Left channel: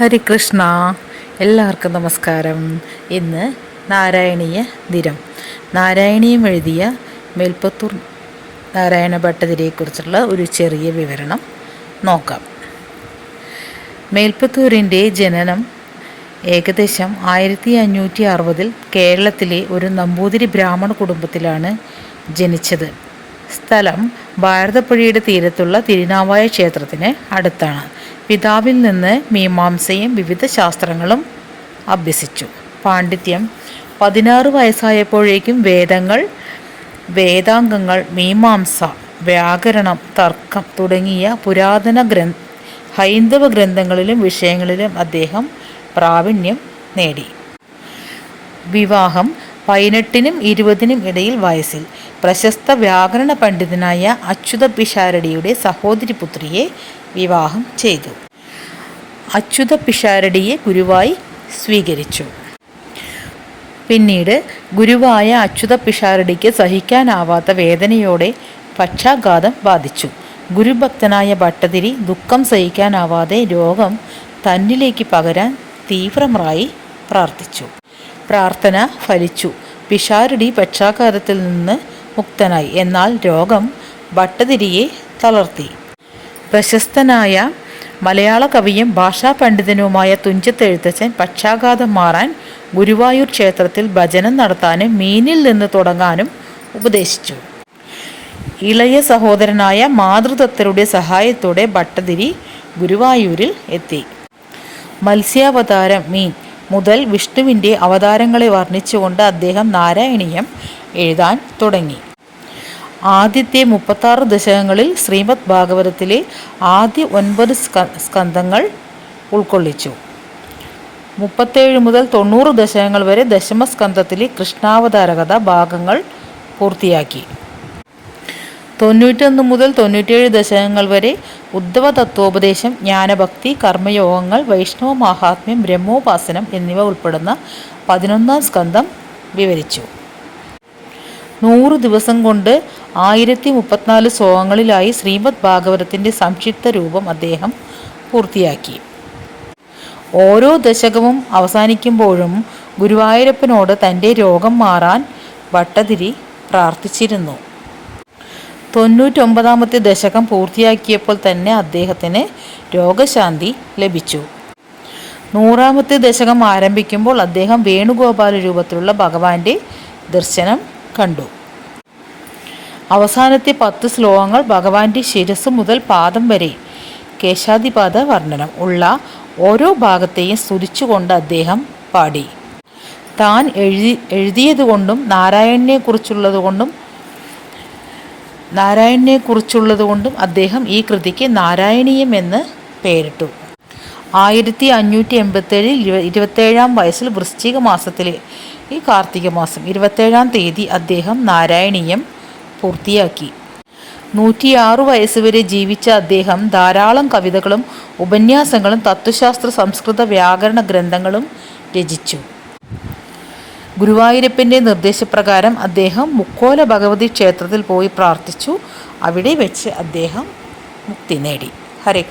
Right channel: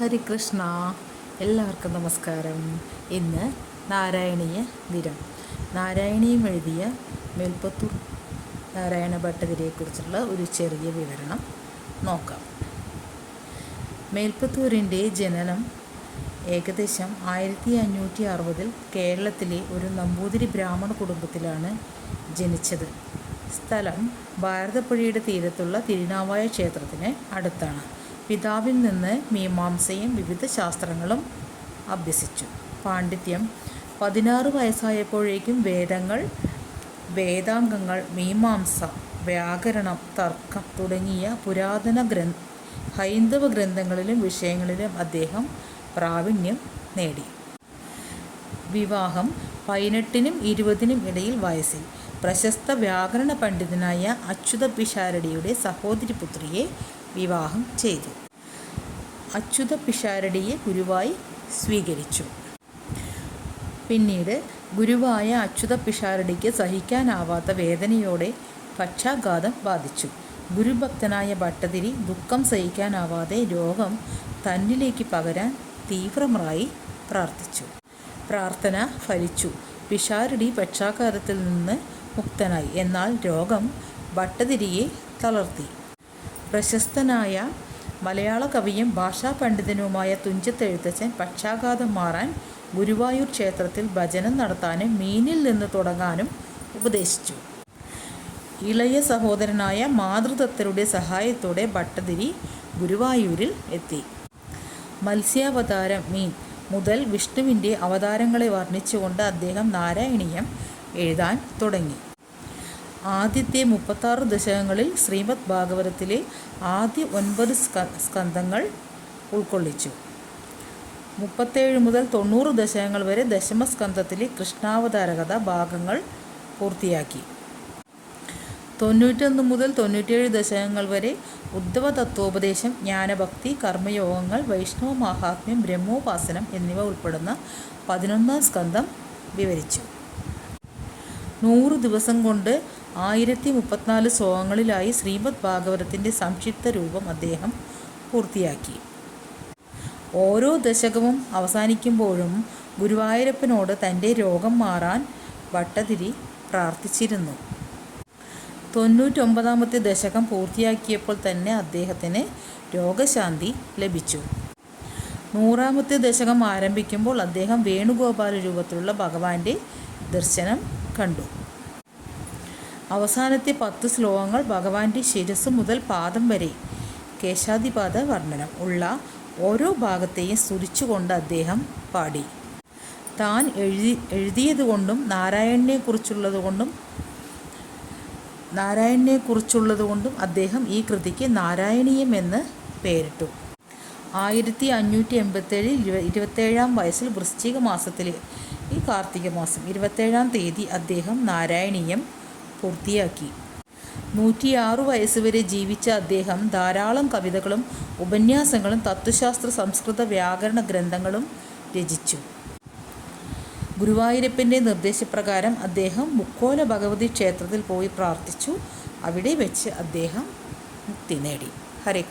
ഹരികൃഷ്ണ. എല്ലാവർക്കും നമസ്കാരം. ഇന്ന് നാരായണീയ ദിനം. നാരായണീയം എഴുതിയ മേൽപ്പത്തൂർ നാരായണ ഭട്ടതിരിയെക്കുറിച്ചുള്ള ഒരു ചെറിയ വിവരണം നോക്കാം. മേൽപ്പത്തൂരിന്റെ ജനനം ഏകദേശം ആയിരത്തി അഞ്ഞൂറ്റി അറുപതിൽ കേരളത്തിലെ ഒരു നമ്പൂതിരി ബ്രാഹ്മണ കുടുംബത്തിലാണ് ജനിച്ചത്. സ്ഥലം ഭാരതപ്പുഴയുടെ തീരത്തുള്ള തിരുനാവായ ക്ഷേത്രത്തിന് അടുത്താണ്. പിതാവിൽ നിന്ന് മീമാംസയും വിവിധ ശാസ്ത്രങ്ങളും അഭ്യസിച്ചു. പാണ്ഡിത്യം. പതിനാറ് വയസ്സായപ്പോഴേക്കും വേദങ്ങൾ വേദാംഗങ്ങൾ മീമാംസ വ്യാകരണം തർക്കം തുടങ്ങിയ പുരാതന ഗ്രന്ഥ ഹൈന്ദവ ഗ്രന്ഥങ്ങളിലും വിഷയങ്ങളിലും അദ്ദേഹം പ്രാവീണ്യം നേടി. വിവാഹം പതിനെട്ടിനും ഇരുപതിനും ഇടയിൽ വയസ്സിൽ. പ്രശസ്ത വ്യാകരണ പണ്ഡിതനായ അച്യുത പിഷാരടിയുടെ സഹോദരി പുത്രിയെ വിവാഹം ചെയ്തു. അച്യുത പിഷാരടിയെ ഗുരുവായി സ്വീകരിച്ചു. പിന്നീട് ഗുരുവായ അച്യുത പിഷാരടിക്ക് സഹിക്കാനാവാത്ത വേദനയോടെ പക്ഷാഘാതം ബാധിച്ചു. ഗുരുഭക്തനായ ഭട്ടതിരി ദുഃഖം സഹിക്കാനാവാതെ രോഗം തന്നിലേക്ക് പകരാൻ തീവ്രമായി പ്രാർത്ഥിച്ചു. പ്രാർത്ഥന ഫലിച്ചു. പിഷാരടി പക്ഷാഘാതത്തിൽ നിന്ന് മുക്തനായി. എന്നാൽ രോഗം ഭട്ടതിരിയെ തളർത്തി. പ്രശസ്തനായ മലയാള കവിയും ഭാഷാ പണ്ഡിതനുമായ തുഞ്ചത്ത് എഴുത്തച്ഛൻ പക്ഷാഘാതം മാറാൻ ഗുരുവായൂർ ക്ഷേത്രത്തിൽ ഭജനം നടത്താനും മീനിൽ നിന്ന് തുടങ്ങാനും ഉപദേശിച്ചു. ഇളയ സഹോദരനായ മാതൃദത്തരുടെ സഹായത്തോടെ ഭട്ടതിരി ഗുരുവായൂരിൽ എത്തി. മത്സ്യാവതാരം മീൻ മുതൽ വിഷ്ണുവിന്റെ അവതാരങ്ങളെ വർണിച്ചുകൊണ്ട് അദ്ദേഹം നാരായണീയം എഴുതാൻ തുടങ്ങി. ആദ്യത്തെ മുപ്പത്താറ് ദശകങ്ങളിൽ ശ്രീമദ് ഭാഗവതത്തിലെ ആദ്യ ഒൻപത് സ്കന്ധങ്ങൾ ഉൾക്കൊള്ളിച്ചു. മുപ്പത്തേഴ് മുതൽ തൊണ്ണൂറ് ദശകങ്ങൾ വരെ ദശമസ്കന്ധത്തിലെ കൃഷ്ണാവതാരകഥ ഭാഗങ്ങൾ പൂർത്തിയാക്കി. തൊണ്ണൂറ്റൊന്ന് മുതൽ തൊണ്ണൂറ്റേഴ് ദശകങ്ങൾ വരെ ഉദ്ധവ തത്വോപദേശം ജ്ഞാനഭക്തി കർമ്മയോഗങ്ങൾ വൈഷ്ണവ മഹാത്മ്യം ബ്രഹ്മോപാസനം എന്നിവ ഉൾപ്പെടുന്ന പതിനൊന്നാം സ്കന്ധം വിവരിച്ചു. നൂറ് ദിവസം കൊണ്ട് ആയിരത്തി മുപ്പത്തിനാല് ശ്ലോകങ്ങളിലായി ശ്രീമദ് ഭാഗവതത്തിന്റെ സംക്ഷിപ്ത രൂപം അദ്ദേഹം പൂർത്തിയാക്കി. ഓരോ ദശകവും അവസാനിക്കുമ്പോഴും ഗുരുവായൂരപ്പനോട് തന്റെ രോഗം മാറാൻ ഭട്ടതിരി പ്രാർത്ഥിച്ചിരുന്നു. തൊണ്ണൂറ്റൊമ്പതാമത്തെ ദശകം പൂർത്തിയാക്കിയപ്പോൾ തന്നെ അദ്ദേഹത്തിന് രോഗശാന്തി ലഭിച്ചു. നൂറാമത്തെ ദശകം ആരംഭിക്കുമ്പോൾ അദ്ദേഹം വേണുഗോപാല രൂപത്തിലുള്ള ഭഗവാന്റെ ദർശനം കണ്ടു. അവസാനത്തെ പത്ത് ശ്ലോകങ്ങൾ ഭഗവാന്റെ ശിരസ് മുതൽ പാദം വരെ. കേശാദിപാദ വർണനം ഉള്ള ഓരോ ഭാഗത്തെയും സ്തുതിച്ചുകൊണ്ട് അദ്ദേഹം പാടി. താൻ എഴുതി എഴുതിയതുകൊണ്ടും നാരായണനെക്കുറിച്ചുള്ളതുകൊണ്ടും നാരായണനെക്കുറിച്ചുള്ളതുകൊണ്ടും അദ്ദേഹം ഈ കൃതിക്ക് നാരായണീയം എന്ന് പേരിട്ടു. ആയിരത്തി അഞ്ഞൂറ്റി എൺപത്തേഴിൽ ഇരുപ ഇരുപത്തേഴാം വയസ്സിൽ വൃശ്ചിക മാസത്തിലെ ഈ കാർത്തിക മാസം ഇരുപത്തേഴാം തീയതി അദ്ദേഹം നാരായണീയം പൂർത്തിയാക്കി. നൂറ്റിയാറു വയസ്സുവരെ ജീവിച്ച അദ്ദേഹം ധാരാളം കവിതകളും ഉപന്യാസങ്ങളും തത്വശാസ്ത്ര സംസ്കൃത വ്യാകരണ ഗ്രന്ഥങ്ങളും രചിച്ചു. ഗുരുവായൂരപ്പന്റെ നിർദ്ദേശപ്രകാരം അദ്ദേഹം മുക്കോല ഭഗവതി ക്ഷേത്രത്തിൽ പോയി പ്രാർത്ഥിച്ചു. അവിടെ വെച്ച് അദ്ദേഹം മുക്തി നേടി. ഹരേ